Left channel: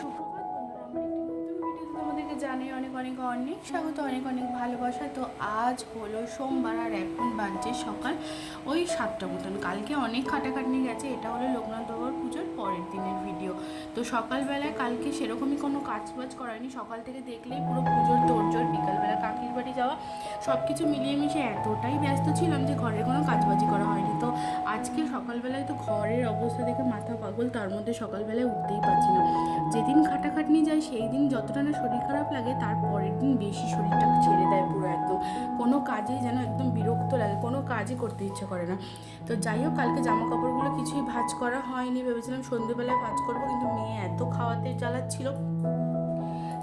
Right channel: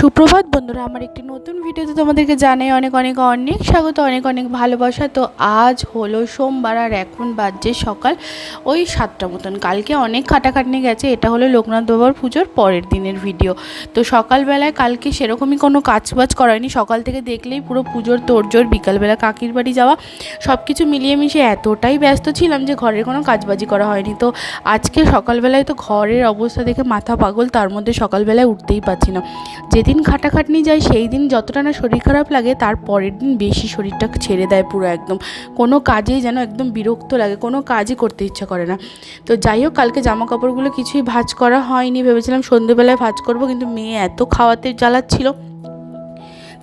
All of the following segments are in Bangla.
সুপ্রভাত বন্ধুরা, আমার একটি নতুন ভিডিওতে তোমাদেরকে জানাই অনেক অনেক অনেক স্বাগত, অনেক অনেক ভালোবাসা। তো আজ হলো সোমবার আর এখন বাজছে সকাল ওই 7টা মতন। কালকে অনেক খাটাখাটনি গেছে। এটা হলো লোকনাথ বাবার পুজোর পরের দিনের ভিডিও। তো সকালবেলায় কালকে সেরকমই কোনো কাজবাজ করায়নি। সকাল থেকে দেখলেই পুরো পুজোর তোড়জোড়, বিকালবেলা কাকির বাড়ি যাওয়া, সব কিছু মিলিয়ে মিশিয়ে এতটাই ব্যস্ত ছিলাম যে ঘরের কোনো কাজবাজি করা হয়নি। তো আজকে সকালবেলায় তো ঘরের অবস্থা দেখে মাথা পাগল, তার মধ্যে সকালবেলায় উঠতেই পারছি না। যেদিন খাটাখাটনি যায় সেই দিন যতটা না শরীর খারাপ লাগে, তার পরের দিন বেশি শরীরটা ছেড়ে দেয় পুরো একদম। কোনো কাজেই যেন একদম বিরক্ত লাগে, কোনো কাজই করতে ইচ্ছা করে না। তো যাই হোক, কালকে জামা কাপড়গুলো কিছুই ভাঁজ করা হয়নি। ভেবেছিলাম সন্ধ্যেবেলায় ভাঁজ করব, কিন্তু মেয়ে এত খাওয়াতে জ্বালাচ্ছিল।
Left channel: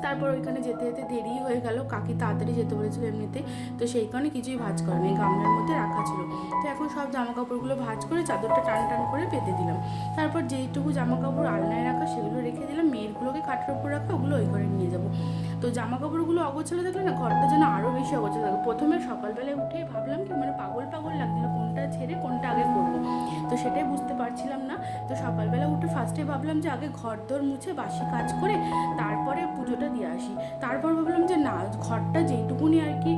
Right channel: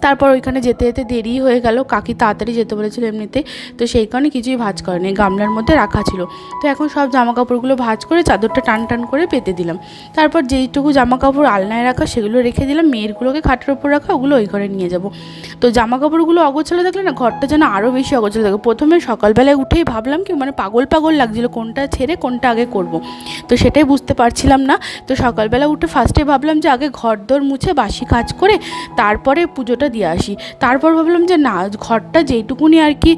তারপর ওইখানে যেতে যেতে দেরি হয়ে গেল। কাকি তাড়াতাড়ি যেতে বলেছিল এমনিতে, তো সেই কারণে কিছুই ভাঁজ করেনি, গামলার মধ্যে রাখা ছিল। তো এখন সব জামা কাপড়গুলো ভাঁজ করে চাদরটা টান টান করে পেতে দিলাম। তারপর যেইটুকু জামা কাপড় আলনায় রাখা সেগুলো রেখে দিলাম, মেয়েরগুলোকে খাটের ওপর রাখা, ওগুলো ওই ঘরে নিয়ে যাব। তো জামা কাপড়গুলো অগোছালো থাকলে না ঘরটা যেন আরও বেশি অগোছালো থাকে। প্রথমে সকালবেলায় উঠেই ভাবলাম কি পাগল পাগল লাগছিলো, কোনটা ছেড়ে কোনটা আগে করব। তো সেটাই বুঝতে পারছিলাম না। তো সকালবেলা উঠে ফার্স্টে ভাবলাম যে আগে ঘর দোর মুছে বাসি কাজ করে তারপরে পুজোটা দিয়ে আসি। তারপর ভাবলাম যে না, ঘরটা যেইটুকুনি আর কি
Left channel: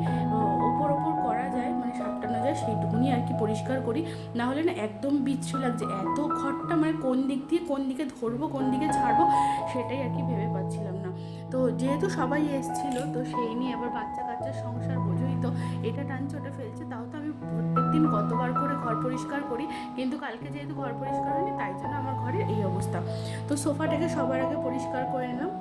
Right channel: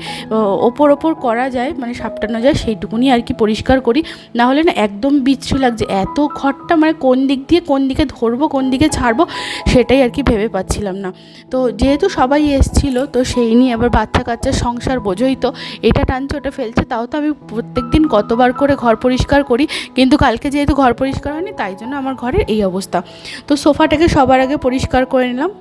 ওপর করা যায়, সাপটানো যায়, সেইটুকুনি আর কি পরিষ্কার করি। না হলে না একদম বিচ্ছু লাগছে এত ঘরটা, কোন দিক দিয়ে কোন দিকে ধরবো কোন দিকে ছাড়বো সেটাই আর কি ভেবে পাচ্ছিলাম না। তো যেহেতু সবাই এসেছিলো, তো সেই নিয়ে আবার বাচ্চা কাচ্চার সংসার বোঝোই তো, এটা টানছে ওটা ফেলছে। তাও তো আমি প্রত্যেক দিন কতবার করে ঘর পরিষ্কার করি, কিন্তু কালকে যেহেতু ঘর পরিষ্কার হয়নি তাই জন্য আমার ঘরের এই অবস্থা। তো সোফাটাকে সবার আগে পরিষ্কার করে নিলাম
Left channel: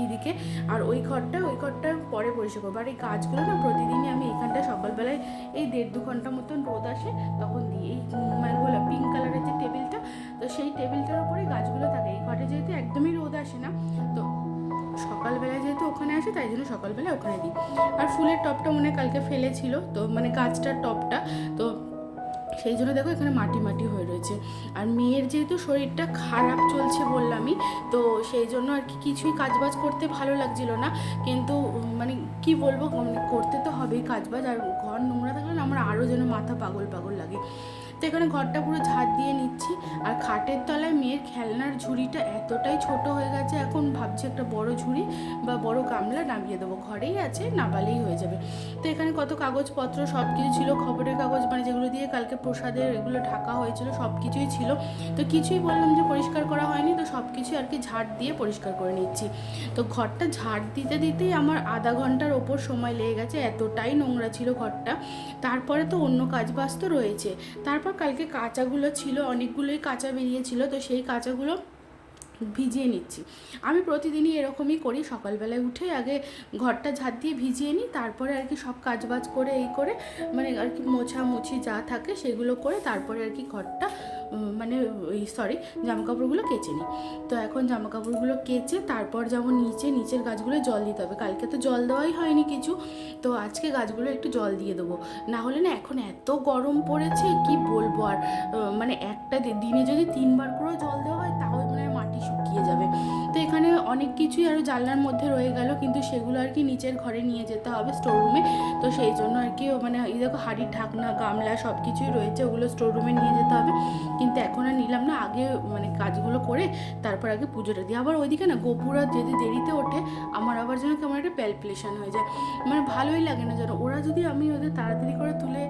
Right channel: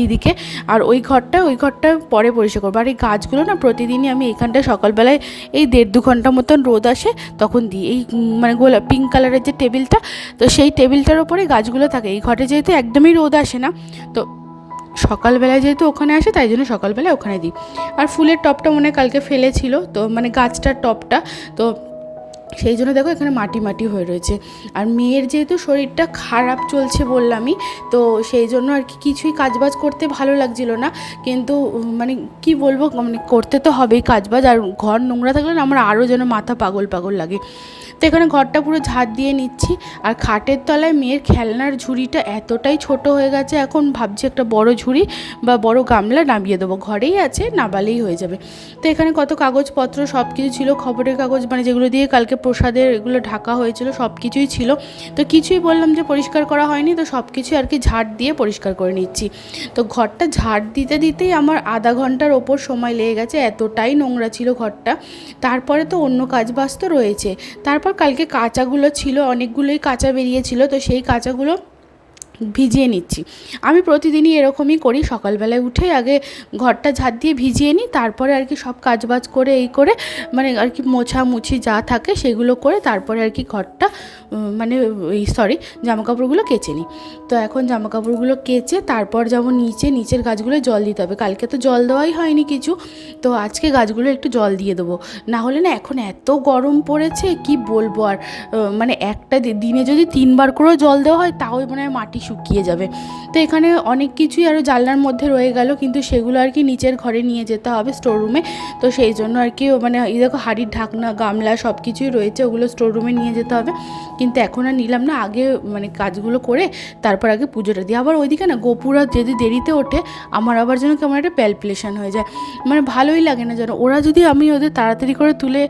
এইদিকে, আর ওই ঘরটা পরে পরিষ্কার করবো। আর এই গাছগুলো না প্রতিদিনই আমি এখানটায় সকালবেলায় এই 1.5-2 ঘন্টা মতন রোদ আসে তখন দিই। এই গোলাপ পিঙ্ক কালারের যে টেবিলটা, তো সেই টেবিলটার ওপরে গাছগুলো থাকে। এই ঘরে যেহেতু একদমই রোদ আসে না, তো সকালবেলায় যেহেতু ওখানে আসে তাই জন্য সকালবেলায় ওখানে দিই। আর ফুলের টবটা মনে হয় কালকে ফেলেছিল, তো গাছটার টবটা, তো সেই জন্য দেখো এখানে মাটি মাটি হয়ে রয়েছে। আর মেয়ের যেহেতু শরীরটা খারাপ চলছে বললামই, তো সেই জন্য আর কি কিছুই কাজবাজ করতে ভালো লাগছিল না। কিন্তু কি বলবো, করতে তো হবেই কাজবাজ। আর ঘর নোংরা থাকলে না আমার আরও যেন মাথা পাগল পাগল লাগে। তো এখানে ঘরটা পুরো ঝাড় দিয়ে নিচ্ছি। আর খাটের তলায় মেয়ের খেলনার ঝুড়িটা এতটাই ছোট হয়ে গেছে, এখন ভাবছি একটা বড় ঝুড়ি বা বড় গামলা নামিয়ে দেবো। ঘরেই আছে, নামালেই হয়ে যাবে। তো এখানে কত কাগজপত্র সব কিছু ছিল, খবরের কাগজ যেগুলো দিয়ে কালকে প্রসাদের এগুলো ঢাকা হয়েছিল সব কিছুই ছিল। তো কিছুই বললাম যে পরিষ্কার করা হয়নি, তো সব কিছুই আর কি ঝাড় দিয়ে পরিষ্কার করে নিচ্ছি। তো ঘরটা ঝাড় দিতে দিতেই আমার আধা ঘন্টার ওপর সময় লেগে গেছে, এতটাই নোংরা ছিল ঘরটা। তারপরে তো অন্য কাজবাজ তো রয়েছে। তারপর কালকে কাঁচাগুলো ছিল, অনেকগুলোই কাঁচা বেরিয়েছিল, তো সেই কাঁচাগুলো ভিজিয়ে নিচ্ছি। আমি প্রতিদিনই এরকমই করি, সকালবেলায় উঠে আগে ঘরটা ঝাড় দিয়ে ভিজিয়ে নিই, তারপরে আর কি সব কাজবাজ করে এই করে আর কি মোছামুছি যা থাকে সেগুলো করে তারপরে আর কি ঘরটা জামাকাপড়গুলো কেচে নিই। তো এখন জামাকাপড়গুলো কেচে তারপর যাবো নিচের গাছগুলো জল দিতে হবে। কালকে তো জল দেওয়াই হয়নি কিছু, তো আজকে গাছগুলো একটু জল দিয়ে দেবো। না হলে না এখন এত গরম পড়েছে কি বলবো। আর একটা দিনে যদি 3বার করেও জল দেওয়া হয় তাও মাটি শুকিয়ে যাবে। তো এখানে অনেক কিছুই আরও জানলার মধ্যে রয়ে গেল, কিন্তু সেগুলো আর কি নিচের ঘরে নিয়ে যেতে হবে, স্টোর রুমে। তো সেই জন্য আর কি এই দেখো হাঁড়ির ঢাকনা গামলা সব কিছুই রয়েছে, ওগুলো স্টোর রুমে নিয়ে যেতে হবে। কিন্তু এখন আর নিলাম না, আগে কাজগুলো করে তারপর আগে পুজোটা দিই। আবার ওইদিকে না গোপুরা যদি দেরিতে ওঠে আমার আবার যেন কেমন একটা প্যালপিলেশন হয়ে যায়, ভালোই লাগে না যেন। ওরা যদি আমি ওদের তাড়াতাড়ি করে তুলে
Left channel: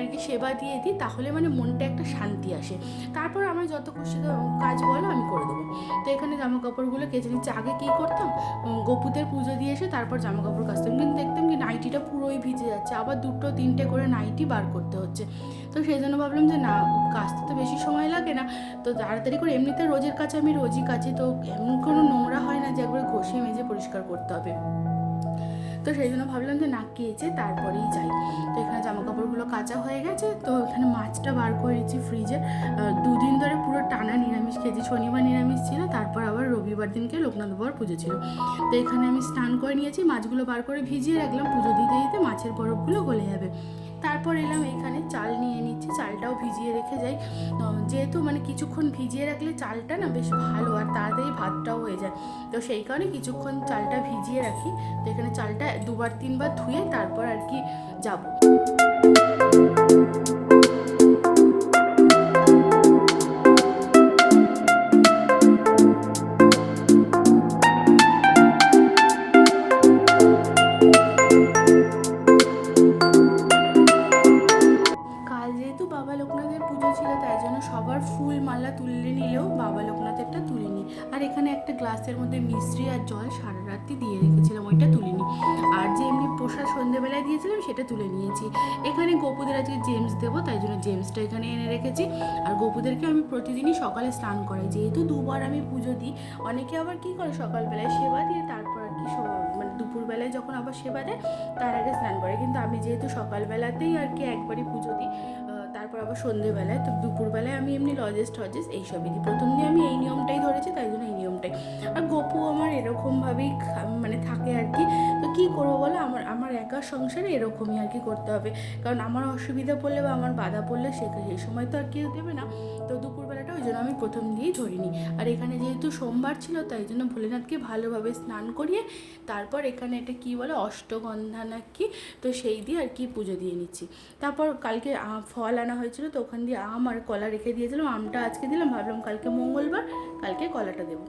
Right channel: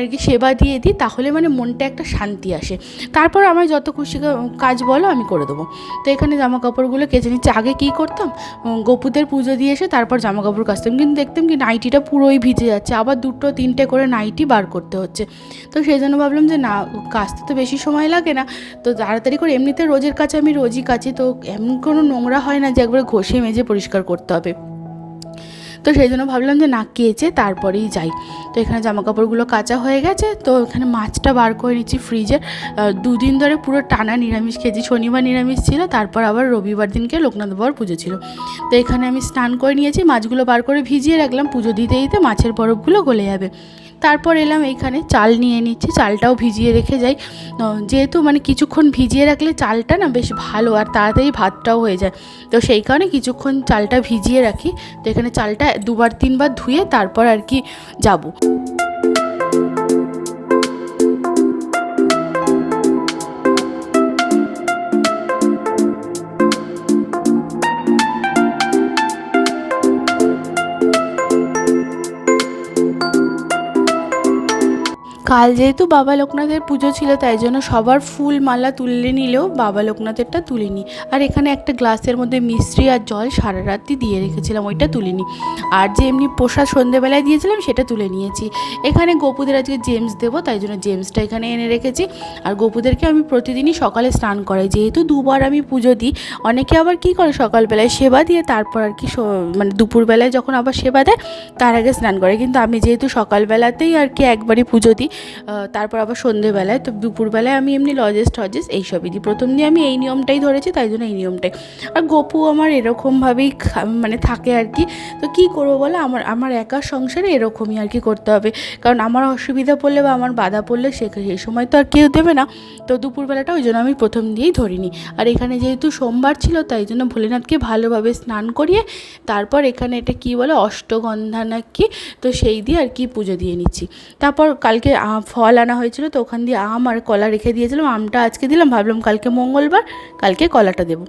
আর কি সেবা দিয়ে দিই, তাহলে মনটা একটা শান্তি আসে। তারপর আমার যত খুশি কাজ বলো আমি করে দেবো। তো এখানে জামা কাপড়গুলো কেচে নিচ্ছি। আগে কী করতাম, গোপুদের পুজো দিয়ে এসে তারপর জামা কাপড় কাচতাম, কিন্তু দেখতাম কি নাইটিটা পুরোই ভিজে যাচ্ছে, আবার 2-3টে করে নাইটি বার করতে হচ্ছে। তো সেই জন্য ভাবলাম যে না, কাচতে তো বেশি সময় লাগে না, তো তাড়াতাড়ি করে এমনিতে রোজের কাছে আমি রোজই কাচি, তো এমন কোনো নোংরা হয় না যে একবারে ঘষে মেজে পরিষ্কার করতে হবে। তো সেই জন্য ভাবলাম যে না, কেচে তারপরেই যাই। তো এখানে জামাকাপড়গুলো কাচা হয়ে গেছে, তো এখানে মাছটা বার করে নিচ্ছি ফ্রিজে। 2 দিন ধরে পুরো টানা নিরামিষ খেয়েছি। শনিবার নিরামিষ ছিল, তারপর আবার রবিবার দিনকে লোকনাথ বাবার পুজো ছিল। তো এখানে আমি স্নান করে নিয়েছি, মাছগুলো বার করে ভিজিয়ে রাখলাম, পুজো দিতে দিতে মাছের বরফগুলো গলে যাবে। তারপর এলাম এইখানে চাল নিয়ে নিচ্ছি, চালটাও ভিজিয়ে রেখে যাই। যেহেতু কিছুক্ষণ ভিজিয়ে রাখলে চালটা না বেশ ভালো আর তাড়াতাড়ি ভাতটাও হয়ে যায়, তো সেই কারণে কিছুক্ষণ চালটা ভিজিয়ে রাখি। তো এখানে চালটা 2-3বার ধুয়ে তারপর আর কি যাবো। কাল যেহেতু বাবা লোকনাথের পুজো ছিল তাই জন্য সবার ফুল মালা তুলে নিলেও বাবা লোকনাথেরটা তুলিনি। আর এখানে একটা গ্লাসের মধ্যে মিষ্টি আর জল সারা রাত্রি দিয়ে রেখেছিলাম, ওইটা তুলিনি। আর যে এমনি প্রসাদ সন্ধেবেলায় দিয়েছিলাম সেটা তুলে নিয়েছি। এখানে গোপুদের আজকে জেমস দেবো, তাই জন্য জেমসটা এখানে এনে রেখেছি। আর গোপুদেরকে আমি প্রতিদিনই সকালে স্নান করাই, যেহেতু দুবার আমি পুজো দিই। অনেকে আবার কি করে সকালবেলায় সেবা দিয়ে তারপর আর কি মানে দুপুরবেলায় যখন আবার সেবা দেয় তার আগে স্নান করে, কিন্তু আমি যেহেতু সকালবেলাতেই আর কি একবারই পুজো দিই, তারপর আবার সন্ধেবেলায়, তো দুপুরবেলায় আমি এমনি লজেস টজেস এইসবই দিই। প্রথম দিয়ে আমি এই নিয়মটাই ধরেছি, তাই জন্য এই নিয়মটাই। আর গপু আমার এরকমভাবেই মানে থাকে আর কি। তো কী করবো বলে, আমার একার সংসারে এরকমই আর কি করতে হবে, কারণ আমার অসুবিধা পড়লে বা আমার বাধা পড়লে সেই সময় তো আর কেউ দেবে না। তো দুপুরবেলাটা ওই জন্য আমি প্রথম দিয়েই ধরিনি। আর এখানে যেহেতু সোমবার ছিল তাই জন্য ভোলেনাথকে ভালোভাবে স্নান করিয়ে তারপর এখানে এটা কি বলে অষ্টগন্ধা না কি, তো সেই দিয়ে আর কি পুজো দিয়ে নিচ্ছি। তারপর কালকে ফল আনা হয়েছিল, তো ওখান দিয়ে আম আর কলা রেখে দিয়েছিলাম। আমটা আজকে দিলাম, ভাবলাম কালকে মঙ্গলবার, কালকে কলাটা দেবো।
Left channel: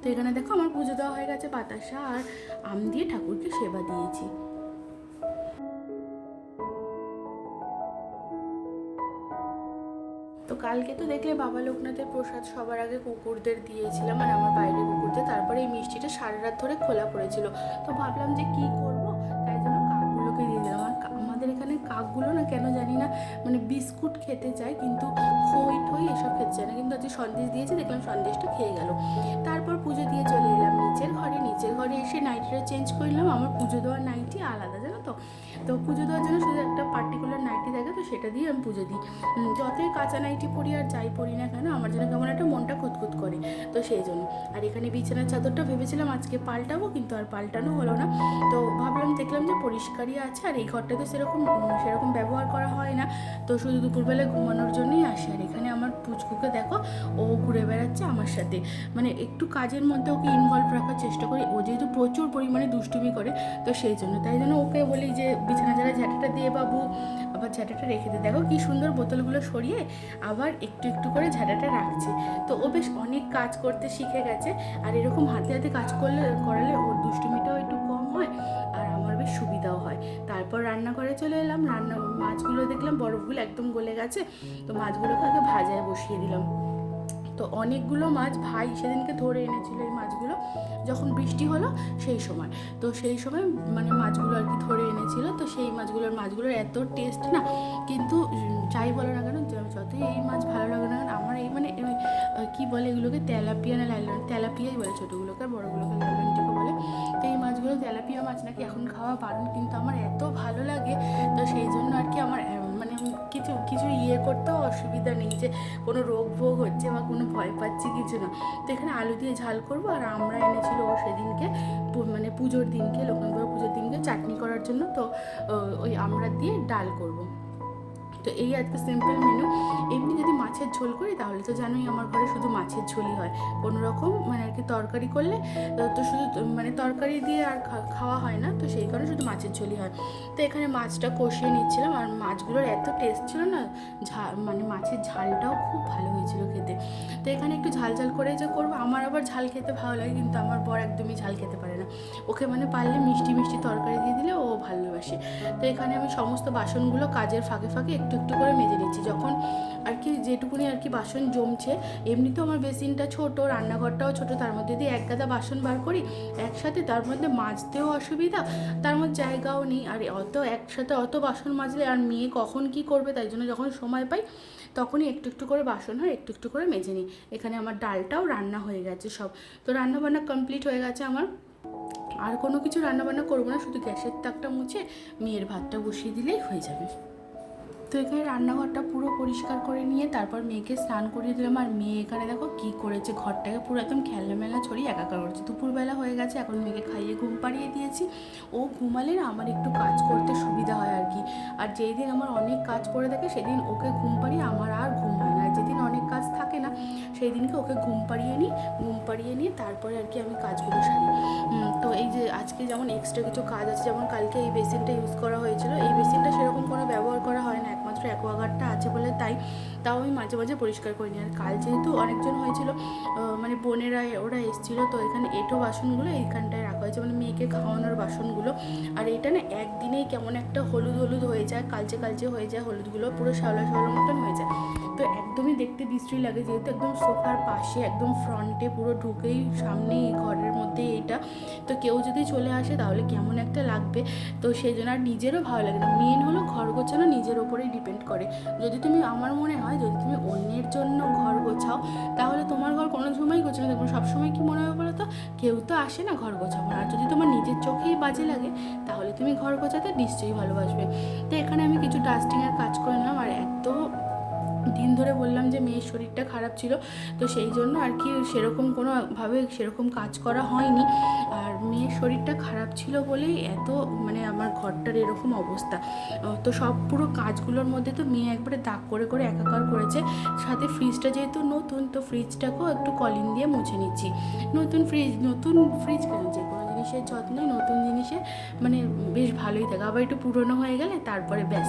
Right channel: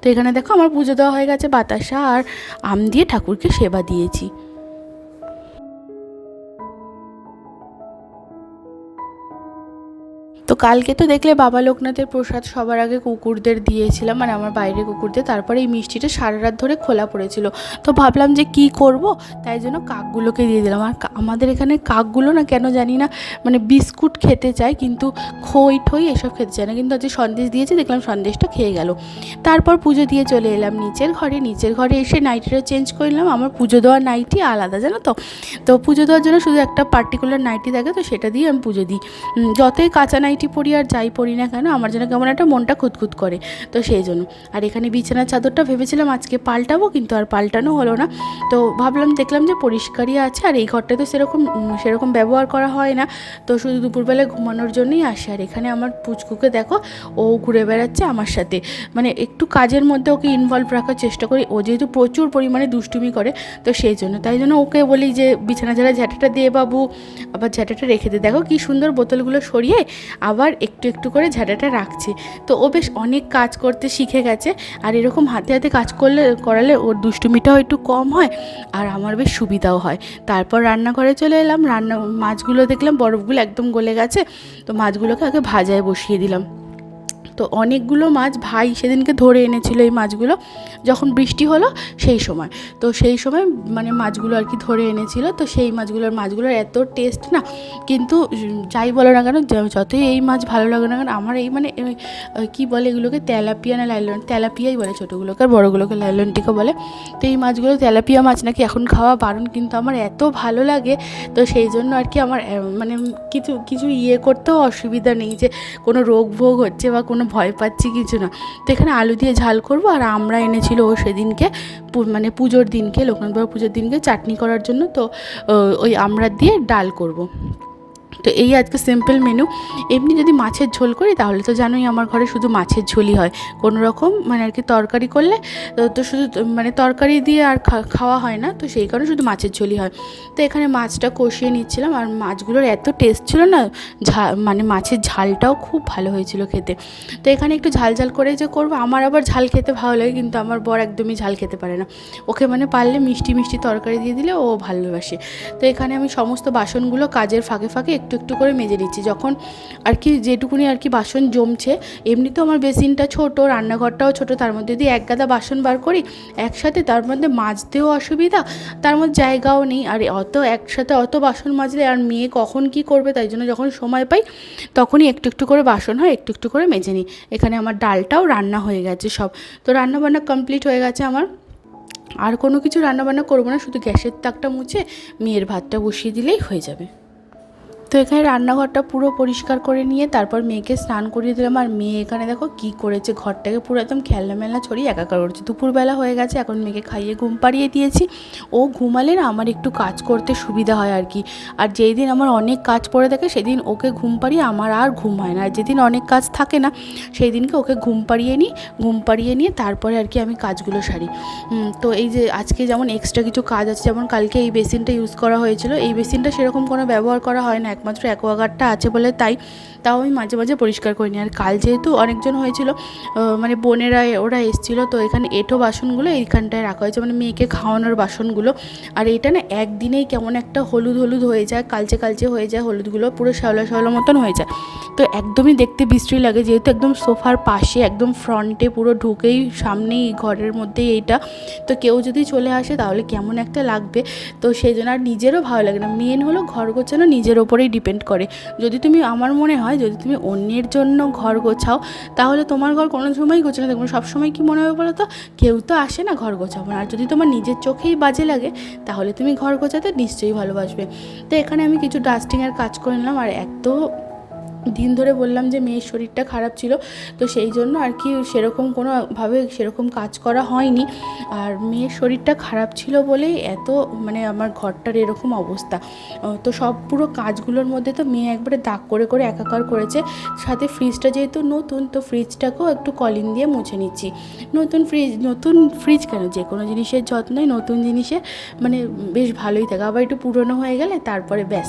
তো এখানে দেখো আমার পুজো দেওয়া হয়ে গেছে, বাতাসা আর আম দিয়ে ঠাকুরকে সেবা দিয়েছি। তো কালকে তো দেখলে বাবা লোকনাথের প্রসাদ সবার আগে কুকুরদের দিয়েছিলাম, মানে আমার বাইরে কুকুরদের। তারপরে এই মিষ্টিটা সারা রাত ধরে খোলা পড়েছিল, তো ভাবলাম যে কি করব, তাই জন্য কাকগুলোকে দিয়ে দিলাম। আর আমাদের এখানে কাকগুলো না কেন জানি না মানে বিস্কুট খেতে চায়, কিন্তু খই ঠই এসব খেতে চায় না। কিন্তু আজকে সন্দেশ দিয়েছি, দেখলাম সন্দেশটা খেয়ে গেল। তারপর পুজো দিয়ে চলে এলাম নিচের ঘরে এসে নাইটিটা চেঞ্জ করলাম। আমার পুজো দেওয়ার নাইটি আলাদা, জানো তো। তো পুজো দেওয়ার জন্য শুধু একটা পার্টিকুলার নাইটি থাকে, তো সেটা দিয়ে আমি পুজো দিই। যতই কাঁচা নাইটি পরি আর যাই পরি না কেন, আমার যেন কেমন একটা মনটা খুঁতখুত করে, তো সেই জন্য। আর এখানে বিছানার চাদরটা ভেবেছিলাম আজকে পাল্টাবো, কিন্তু আর পাল্টানো হলো না। তো দেখলাম যে পরিষ্কারই আছে, আর এই ঘরটা তো সেরকম ব্যবহার করা হয় না, তো শুধু দুপুরবেলায় ঘুমানোর জন্যই আসে। আর এখানে আমার পুচকুকে দেখো, ও ঘুরে বেড়াচ্ছে আমার সাথে, মানে একটু কাজের মধ্যে ওকে ইনভলভ রাখার চেষ্টা করি। ও যেহেতু প্রচুর পরিমাণে দুষ্টুমি করে, তো সেই জন্য তাই জন্য ওকে বলি যে বিছানা ঝাড়া ঝ্যাঁটাটা দিয়ে বাবু, আবার ঝ্যাঁটাটা রেখে দে। দেখো কি সুন্দর বোতলগুলো সরিয়ে আবার একটু একটু করে ঝাঁটাটা রাখছে। তো ও বেশ অনেক কাজ করতে শিখে গেছে, আর এরকম হাতে হাতে কাজ করালে ওর দুষ্টুমিটাও একটু কম হয়, আর আমার বেশ সুবিধাও হয়। তারপর রান্নাঘরে চলে এলাম। মাছগুলো দেখলাম বরফগুলো একদম গলে গেছে, তো মাছগুলোকে আগে ভাজায় বসিয়ে দিলাম। তো অনেকগুলো মাছ ভাই সেদিনকে ধরে এনেছিল, এই মাছগুলো যখন বৃষ্টি হলো সেই সময়। তো সেই সময় মানে মাছগুলো আর কি ধরে এনেছিল, তো সেই মাছগুলোর এত টেস্ট না, কিন্তু যাই বলো না কেন, যতই এই মাছ ভালো লাগে না কেন, আমার এই মানে কী বলে এগুলোকে, তেলাপিয়া না লাইলন, তেলাপিয়াই বলে ছোটোগুলোকে, আর বড়োগুলোকে লাইলনটিকে বলে। তো এই মাছগুলো তেলাপিয়া মাছ নাকি এখন খাওয়া বারণ, কিন্তু আমার এত ভালো লাগে, তো সেই জন্য আর কি আমার মানে কিছু করতেও অসুবিধা নেই যে কোনো রোগ ভোগ হচ্ছে বা কোনো ভয় পাচ্ছি, কিছু না। তো এখানে আলু দিয়ে ঝাল করব, আর আমরা এনেছিল ও সেদিনকে মানে পুজোর দিনকে, লোকনাথ বাবার পুজোর দিনকে চাটনি করার জন্য, তো ওই আমরা দিয়ে ডাল করব। তো এই আজকে সিম্পল মেনু। এমনি যদি মাছের ঝোল করি তাহলে তো জানোই আমার ঘরে শুধু মাছের ঝোলই হয়, কোনো রকম মানে আর কি তরকারি করলে তো শুধু মানে তরকারি দিয়ে আর খাওয়া হয় না, তো সেই কারণে শুধু মাছের ঝোলই হয়। তো এখানে মাছটা কষিয়ে নিচ্ছিলাম, আর মাছগুলোর এত টেস্ট ছিল না, মানে মাছের ঝালটাও খুব ভালো হয়েছিল খেতে। তো এখানে একটু ঝাল করে যে করবো, আমার আবার ঝাল খেতে ভালো লাগে, কিন্তু আমার বর একদমই ঝাল খেতে পারে না। ওকে মানে পারলে মিষ্টি তরকারি দিয়ে দিলে ও ভালোবাসে। তো এখানে আমি সমস্ত বাসনগুলো কাজের ফাঁকে ফাঁকে একটু একটু করে মেজে নিচ্ছি, যখন আর কি যেটুকুনি আর কি বাসন জমছে। এমনিতেও আমার বেসিনটা ছোট, রান্নাঘরটাও ছোট, তার মধ্যে যদি এক গাদা বাসন বার করি একসাথে, তার মধ্যে মাজতেও অসুবিধা, তার মধ্যে জায়গাও নেই। আর একসাথে অত বাসন মাজলে আর মেয়ে কখন কি করবে, তাই জন্য যখন সময় পাই তখনই একটু একটু করে বাসন হয়, একটু একটু করে মেজে নিই। এখানে আমার ডালটাও রান্না হয়ে গেছে সব, তো রান্নাবান্না কমপ্লিট হয়ে গেছে আমার। আর কোনো কিছু রান্নাবান্না করবো না, শুধু গ্যাসের তাকটা মুছে মেয়ের ভাতটা বসিয়ে দিলেই হয়ে যাবে। তো এখানে রান্নাঘরটা পুরো পরিষ্কার করে নিয়ে তারপর মেয়েকে স্নান করিয়ে দিলাম। আর মেয়ে এখানে দেখো কি করেছে, ঘরটাকে পুরো একদম খেলনা ছড়িয়ে একাকার করছে। দুপুরবেলা হয়ে গেছে, এখন মেয়েকে খাইয়ে ঘুম পাড়িয়ে দিয়েছি। ও ঘুমালে না আমার একটু কাজ করতে সুবিধা হয় আর কি। আর যেই দিন আমার অনেক কাজ পড়ে থাকে সেদিন ওকে ঘুম পাড়িয়ে আমার আর ঘুম হয় না, আর যেদিন অনেক কাজ থাকে না সেই দিনকে ওকে ঘুম পাড়িয়ে নিয়ে তারপরে আর কি আমি কাজগুলো সারি। তো এই যে আজকে যেমন এক্সট্রা কিছু কাজ আছে, যেমন কালকে এই বেসিনটা ইউজ করা হয়েছিল, এই বেসিনটা সেরকম কোনো ব্যবহার করা হয় না, একমাত্র অ্যাকোয়াগার্ডটা আছে বলে তাই। তাও আমি মাঝে মাঝে পরিষ্কার করে নিই। আর কাল যেহেতু অনেকজন হয়েছিল, মানে বোনেরা ওরা এসেছিলো, তো এখানে এঁঠো বাসনগুলো এইখানটায় রাখা হয়েছে, মানে মেয়েকে খাওয়ানোর বাসনগুলো। আর এটা না একদিনেই কেমন একটা হলুদ হলুদ হয়ে যায়, কালচে কালচে হয়ে যায়, হলুদগুলো পুরো শ্যাওলা শ্যাওলা মতন হয়ে যায়। তো একদমই দেখতে বিশ্রী লাগে, যেহেতু একদম সোফার পাশে একদম ফ্রন্টে পুরো ঢুকেই সামনেই ঘরের মধ্যেই এইটা, তো কেউ যদি চলে আসে তাহলে কেমন একটা লাগবে। তো সেই জন্য আর নিজেরও ভালো লাগে না। মেন হলো ঘর গোছানো নিজের ওপরেই ডিপেন্ড করে। যদি তুমি, আমার মনে হয় যদি তুমি অন্যের জন্য ঘর গোছাও তাহলে তোমার ঘর কোনো সময়ই গোছানো থাকবে না। সবসময় কী মনে হবে বলো তো, কেউ তো আসে না, ঘর গোছাবো না। আর যদি তোমার নিজের চোখেই বাজে লাগে তাহলে তুমি ঘর গোছাতে নিশ্চয়ই ভালোবাসবে। তো এখানে আমি কিছু ডাস্টিংয়ের কাজ করে নিলাম। আর এত দিন ধরে বললাম যে মেয়ের শরীরটা খারাপ ছিল, তো সেই জন্য আর কি সেরকম কোনোভাবে সেরকম কাজ করা হয়নি। আর মেয়ের শরীরটা খারাপ ছিল বলেই এত মানে আমার ঘরটার এরকম অবস্থা। তো সব পুরো কাজগুলোর মধ্যে তো মেয়ে একবারে দাগ করে করে একাকার করেছে। সাথে ফ্রিজটা যেহেতু নতুন, তো ফ্রিজটাকেও একটু কলিং দিয়ে মুছে নিচ্ছি। নতুন ফ্রিজ কেন, যে কোনো জিনিসের যত্নই নতুন জিনিসের মানে বেশ ভালোই থাকে। আবার একটু পুরনো হয়ে গেলে তারপরে ব্যাস।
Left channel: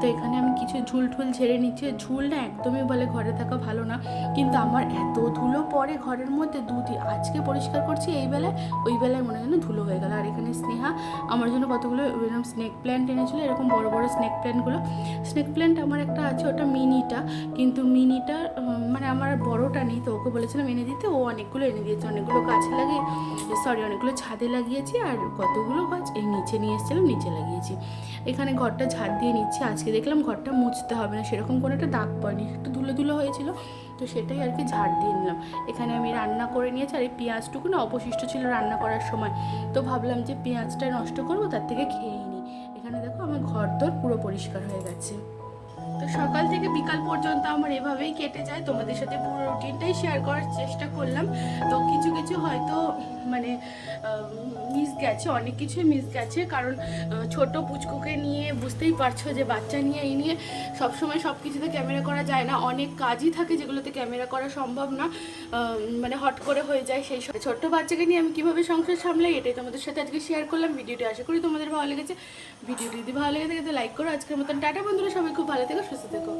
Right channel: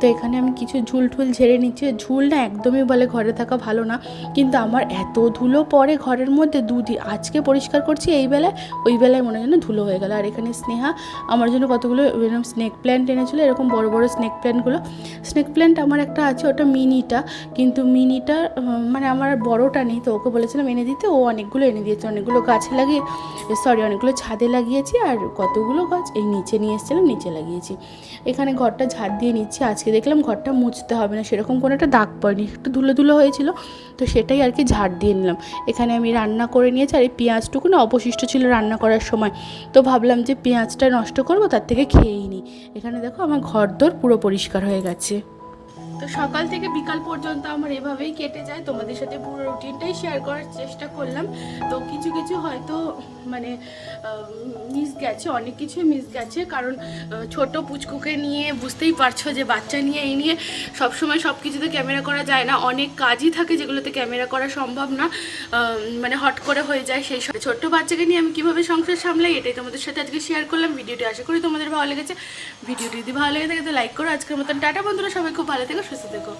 তো এখানে আমি কিছু ঝুল ঝেড়ে নিচ্ছি। ঝুল না একদমই বলে ঘরে থাকা ভালো না, কিন্তু আমার এত ধুলো পড়ে ঘরের মধ্যে, দুদিন আজকে পরিষ্কার করছি এই বেলায়, ওই বেলায় মনে হয় না ধুলো হয়ে গেল। আর এখানে স্নেহা আমার জন্য কতগুলো এরকম স্নেক প্ল্যান্ট এনেছিলো, এরকম বড় বড় স্নেক প্ল্যান্ট আমার একটা আছে, ওটা মিনিটা, কিন্তু মিনিটা মানে আমার আর বড়োটা নেই, তো ওকে বলেছিলাম এনে দিতে, ও অনেকগুলো এনে দিয়েছে। অনেকগুলো অনেকগুলো ছাদে লাগিয়েছি, আর কতগুলো গাছ এই নিচে নিয়ে এসেছিলাম, নিচে লাগিয়েছি। এখানে ঘরটা ঝাড় দিয়ে নিচ্ছি। আজকে দেখলাম ঘরটা মুছতে হবে না, সেরকম কোনো একটা দাগ পড়েনি, একটু ধুলো ধুলো হয়েছিল, তো সেটাই আর কি ঝাড় দিয়ে নিলাম। এখানে আমি রান্না করে নিয়েছি। আর এই পেঁয়াজটুকু না অবশিষ্ট ছিল রান্না করার সময়, তো ভাবলাম যে পেঁয়াজটা নষ্ট করবো, তার থেকে খেয়েই নিই। এখানে দেখো আমার ঘরদোর পুরো পরিষ্কার হয়ে গেছে। তো সকাল থেকে বিকাল পর্যন্ত আমার এভাবেই কেটে যায়। তোমাদের সাথে পুরো রুটিনটাই শেয়ার করার চেষ্টা করলাম। তো কিছু কিছু হয়তো মানে মিস গেছে, অনেক কিছুই মিস গেছে, কারণ ছোট পুচকুকে নিয়ে বুঝতেই পারছো যে বাচ্চা নিয়ে এই নিয়ে সবসময় সব কিছুতে ক্যামেরা করা যায় না। অনেক কাজই থাকে যেগুলোতে ক্যামেরা করা সম্ভব না, মানে হট করে হয়ে যায়। সেই সব ছোট্ট বাচ্চাকে নিয়ে আমি কীভাবে সংসার সামলাই, এটাই তোমাদের সাথে আজকে শেয়ার করলাম। ভিডিওটি আশা করি তোমাদের ভালো লেগেছে। ভিডিওটি যদি ভালো লেগে থাকে তো লাইক করো। আজকের মতন টাটা বন্ধুরা, সবাই খুব ভালো থেকো, সুস্থ থেকো।